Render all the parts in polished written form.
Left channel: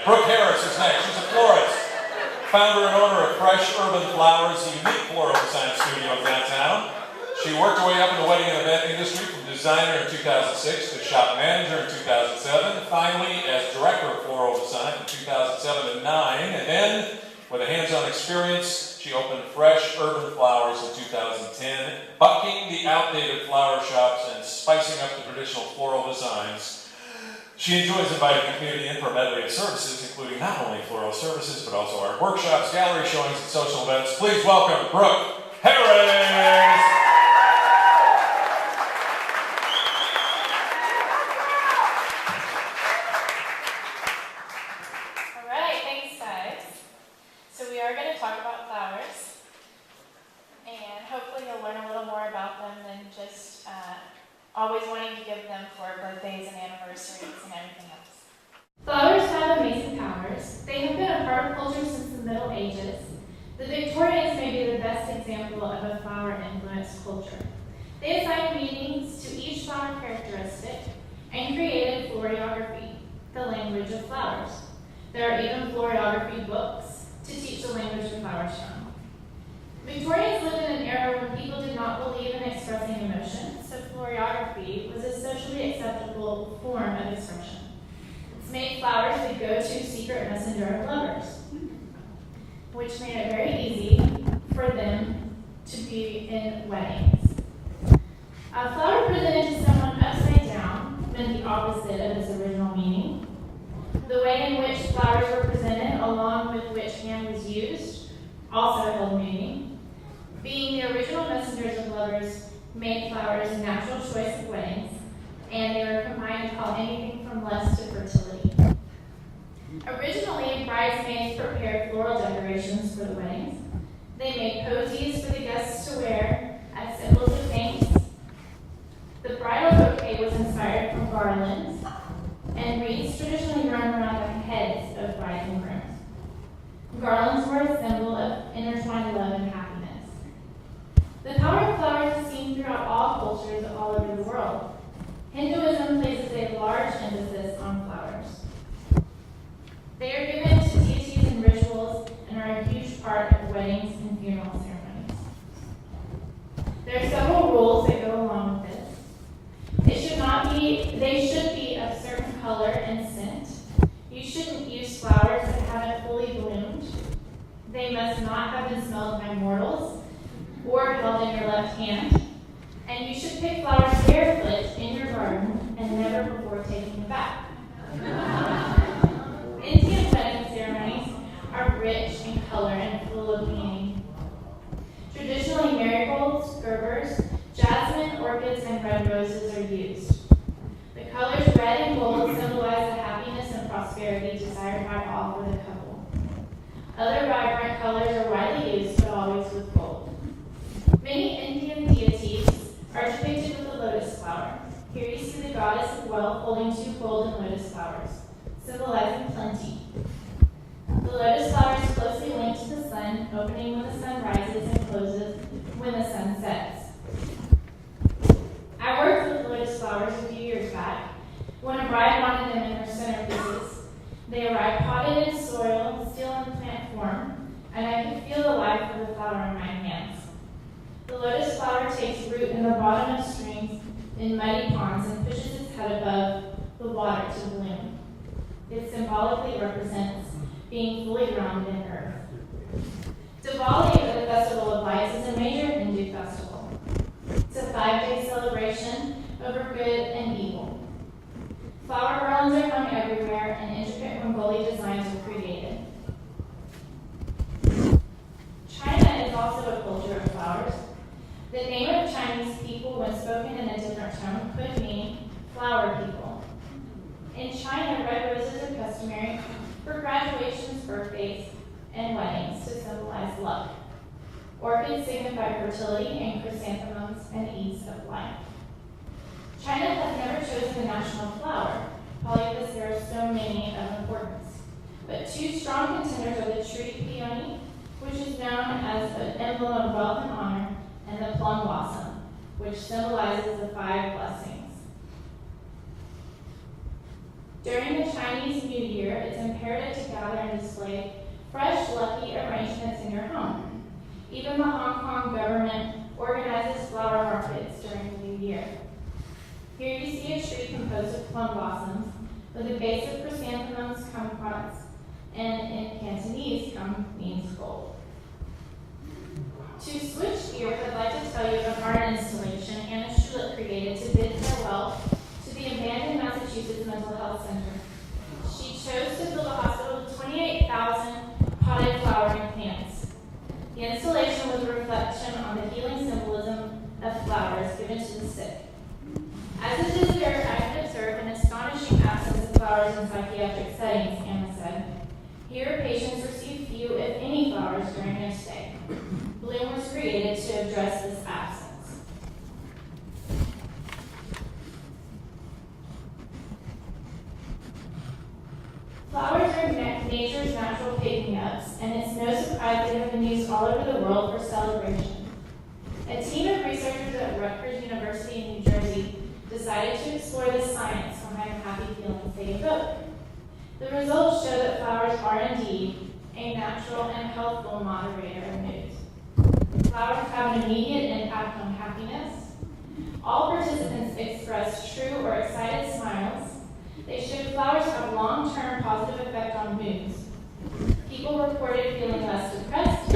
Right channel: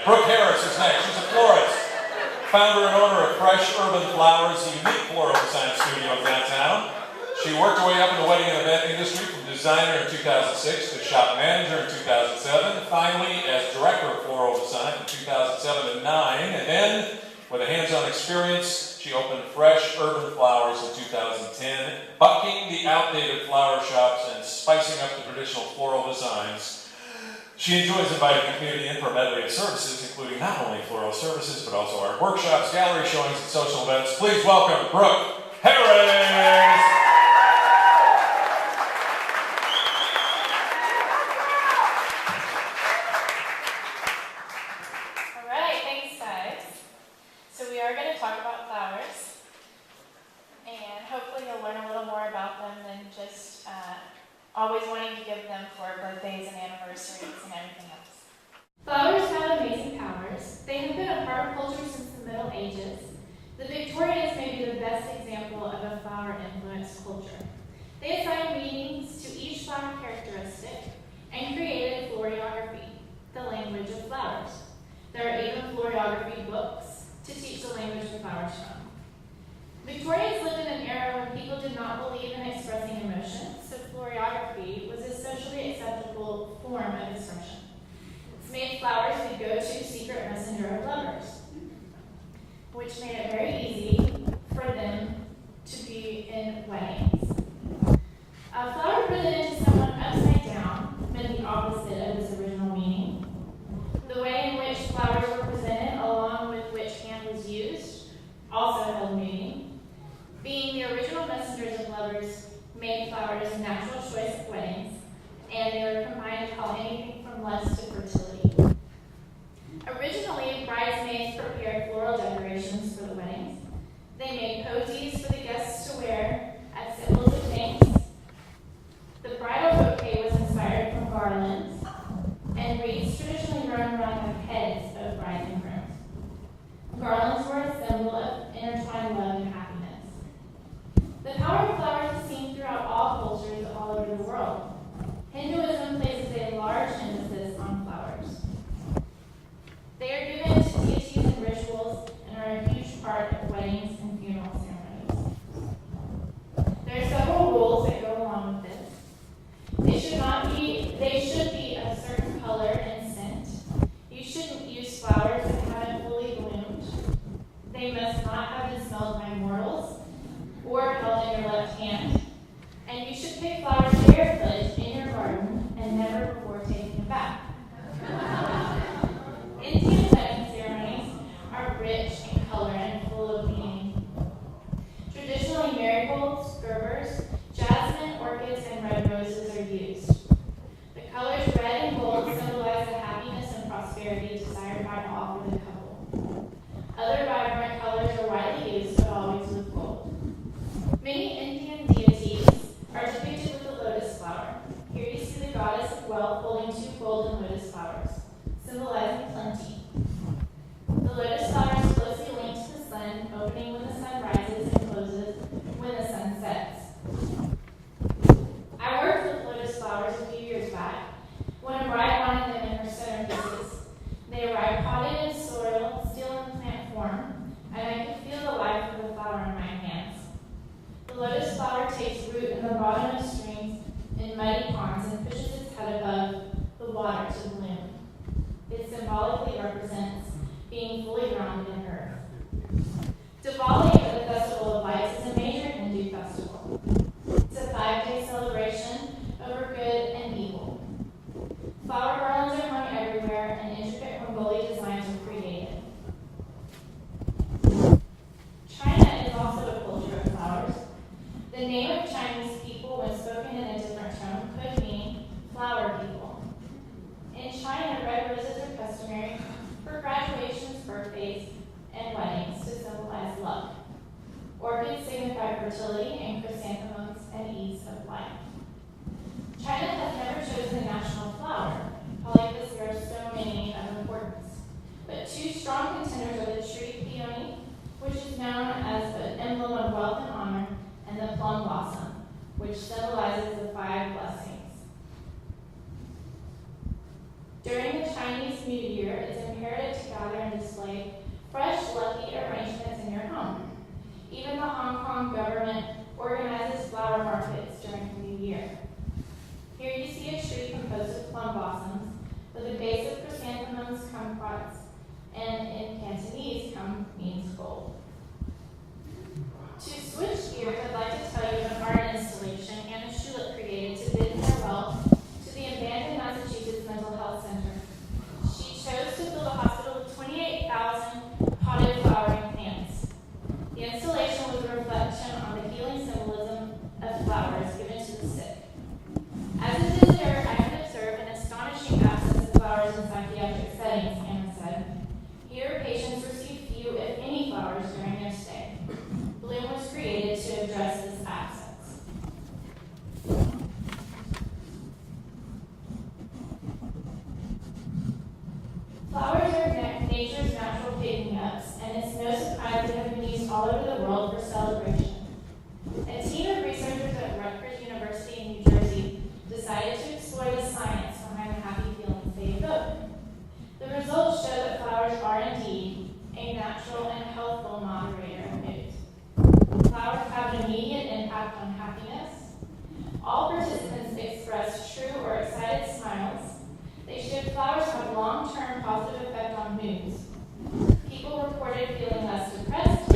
Brooke Harris is next. She's a florist, founder and owner of Fresh Urban Flowers, a unique floral design studio in downtown. She worked her way up in the wedding and event industry from designer in 2006 to shop manager in 2007, finally as director of floral design from 2007 to 2009, and then with a hands-on experience, she opened Fresh Urban Flowers in 2010, bucking the outdated flower shops and spicing up the traditional floral designs. She enjoys inviting the community in for a medley of services, including not only floral services, but also our workshops, gallery showings, and social events. Please welcome Brooke Harris! All right, thanks guys. So we are going to talk about flowers, and hopefully you'll learn a little more about them than just always wanting to give them for birthdays and anniversaries and everything else. Flowers have amazing powers. They have been a part of culture since the Middle Ages. The Victorians may be the best example of a flower-influenced culture. They assigned meanings to each flower characteristic and created floriography, the language of flowers. There are even floriography books to teach the language of flowers from. Victorians lived in an era when people did not believe in expressing emotion, so floriography was a socially acceptable form of expression. It's made flowers the go-to secret messenger of lovers, which made it very easy for them to be in weddings. A flower presented to someone upside down meant the opposite of its original meaning. The way in which flowers were presented, along with which hand was used, also held meaning. Being the original messengers of lovers made flowers a natural choice of weddings, and they were combined to call anything from lust to fertility. Originally, bridesmaids prepared floral decorations for the weddings. They made posies for the guests to wear as symbols of thanks. The bridal bouquet was inspired from garlands and wreaths traditionally run around the heads of brides and grooms. Garlands were a symbol of intertwined love and happiness. The power of flowers is seen throughout all cultures all over the world. Hinduism places a large emphasis on flowers. They are given to deities in rituals and are a huge part of weddings and funeral ceremonies. There are several rules that go along with this. They should be of certain color and scent. You shouldn't use flowers that haven't fully bloomed. They must not have been smelled by mortals or held in your left hand. And you should pick flowers barefoot in your garden and never before taking a bath. Indian wedding ceremonies are rich in color and full of meaning. Traditionally, marigolds, gerbers, jasmine, orchids, and red roses are used. The colors red and gold symbolize the happiness and prosperity desired by all for the couple. Other vibrant colors are widely used, but always with gold. Many Indian deities are depicted with a lotus flower. Here you see the goddess of wealth holding two golden lotus flowers, symbolizing plenty. The lotus flower is closely linked to the sun, opening when the sun rises and closes when the sun sets. I worked with lotus flowers a few years back when a bride wanted them in her centerpieces. They arrived potted in soil, still in plant form, and I could feel the life of the flower in my hands. The lotus flower takes root in the bottom of streams in muddy ponds and pushes its head above the water to bloom. It symbolically represents being fully grounded in earth. Diwali, or the Festival of Lights, is a major Hindu festival. It's a 5-day celebration over good and evil. Flower garlands are hung everywhere, and intricate Rangoli designs are created. China is also a culture of flowers. The name of Chinese people, when spoken in a different tone, could mean flower people. In China, red roses are customary for graduations, birthdays, and weddings to symbolize luck. Orchids signify fertility, and chrysanthemums an ease of life. China has never chosen a national flower, probably because there are so many of importance. But two strong contenders are the tree peony, which is known as an emblem of wealth and honor, and the plum blossom, which symbolizes the 5 blessings. During the Chinese New Year, it's imperative enjoy fresh, lucky arrangements in your home. Even the Hong Kong government organizes flower markets during the new year. Here you see a tree composed of plum blossoms with a base of chrysanthemums, kumquats, and in Cantonese, kum means gold. To switch gears, I'd like to tell you of an art installation Anna Schulich created to bid farewell to the abandoned Massachusetts Mental Health Center. She chose to build a hospital with 28,000 potted flowering plants. The installation was a reflection on the healing symbolism of flowers given to the sick. As a visitor, I could observe an astonishing absence of flowers in psychiatric settings, Anna said. Here, patients receive few, if any, flowers during their stay. Bloom was created to address this absence. Flowers are nature's natural pick-me-ups, and it's no surprise they have been used all over the world for celebration. A team of researchers at Rutgers University in New Jersey decided to explore the science behind the happy feelings they evoke. The results show that flowers are indeed a natural and healthful moderator of mood. Flowers have an immediate impact on happiness. All participants expressed true or excited smiles. They showed flowers have long-term positive effect on moods. People reported feeling less depressed,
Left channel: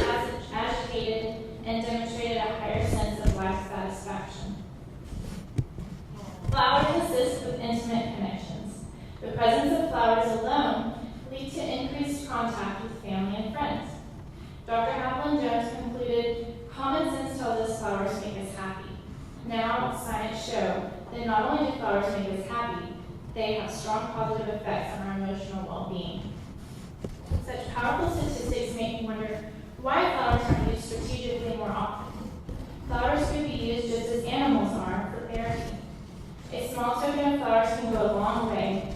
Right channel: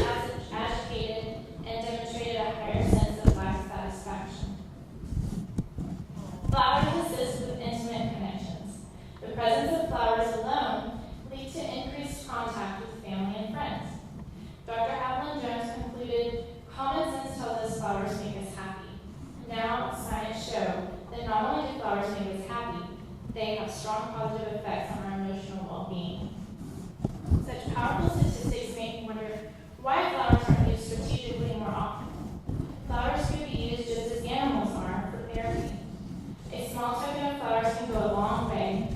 agitated, and demonstrated a higher sense of life satisfaction. Flowers assist with intimate connections. The presence of flowers alone leads to increased contact with family and friends. Dr. Hapland Jones concluded, common sense tells us flowers make us happy. Now, science show that not only do flowers make us happy, they have strong positive effects on our emotional well-being. Such powerful statistics make me wonder why flowers aren't used strategically more often. Flowers could be used just as animals are for therapy. A small token of flowers can go a long way.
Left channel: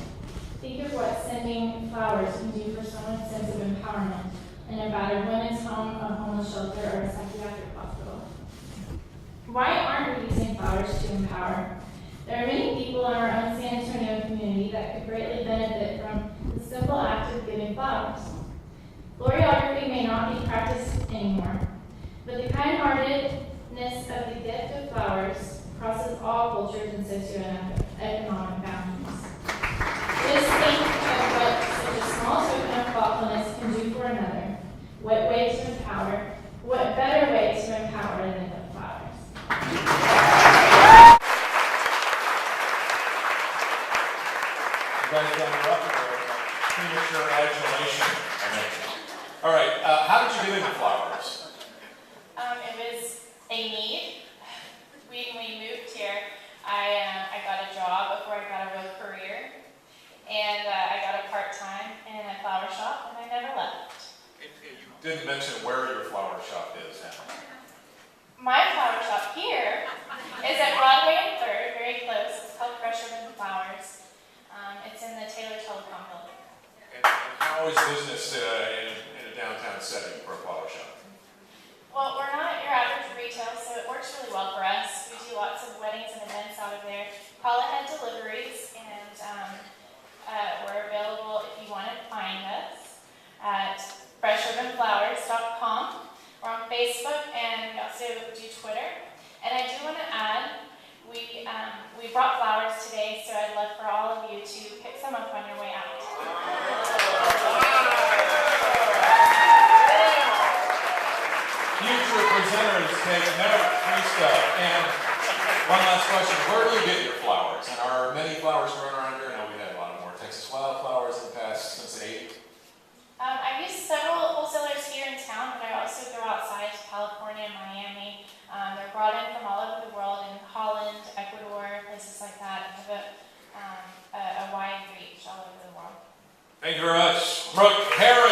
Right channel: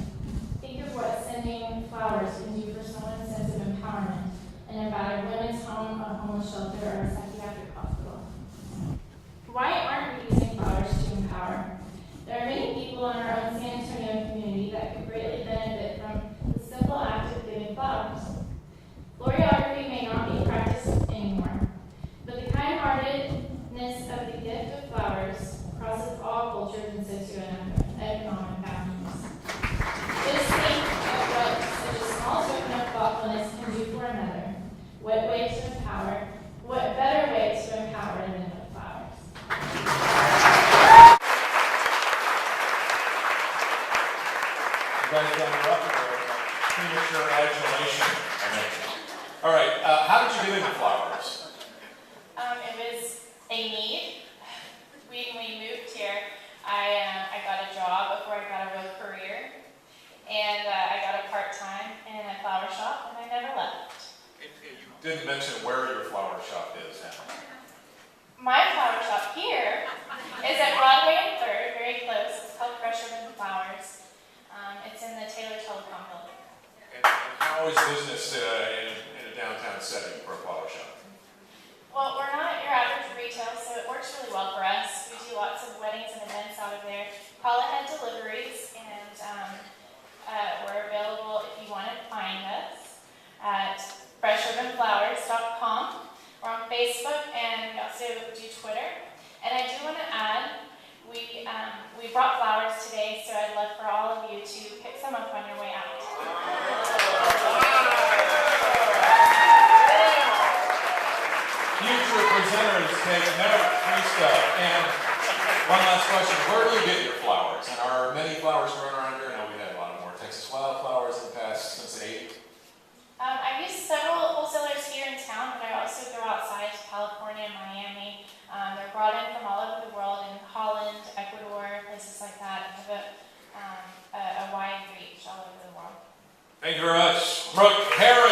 Think of what sending flowers can do for someone's sense of empowerment in a battered women's home, a homeless shelter, or a psychiatric hospital. Why aren't we using flowers to empower? There are many people in our own San Antonio community that could greatly benefit from the simple act of giving flowers. Floriography may not be practiced anymore, but the kind-heartedness of the gift of flowers crosses all cultures and socioeconomic boundaries. Just think of what such a small token of thoughtfulness can do for another. What way to empower? What better way to empower than with flowers? You guys done your up there, premature adulation, I mentioned. All right, how did you get into flowers? It was a need. When we moved here, I got a job before I got a real career, and I got a part-time in a flower shop, and I never left. You didn't mention where your flower shop is now. My flower shop here is at Broadway and 3rd, very close. It's called Fresh Urban Flowers. It's in the Taylor Telecom building. And how is business in a downtown setting for a flower shop? Well, we're not your average retail, so it works really well for us. We do lots of weddings and events out of there. Call ahead deliveries, and we're available if you want to find us at freshurbanflowers.com. We're on Facebook, and we also do Twitter. And I do want to add, we brought flowers today, so I'd love for all of you to pick some up on your way out. Future presenters take note, free stuff. And one last question, where do you get your flowers? And are many flowers grown around here? I know we had a lot more Texas wildflowers in the past since the 80s. I've used several wholesalers here in town, but I also go outside to California and Miami. They're brought in from all over the world, in Holland, Ecuador, places like that. I have a wide reach all over the world. Thank you very much. Brooke Harris.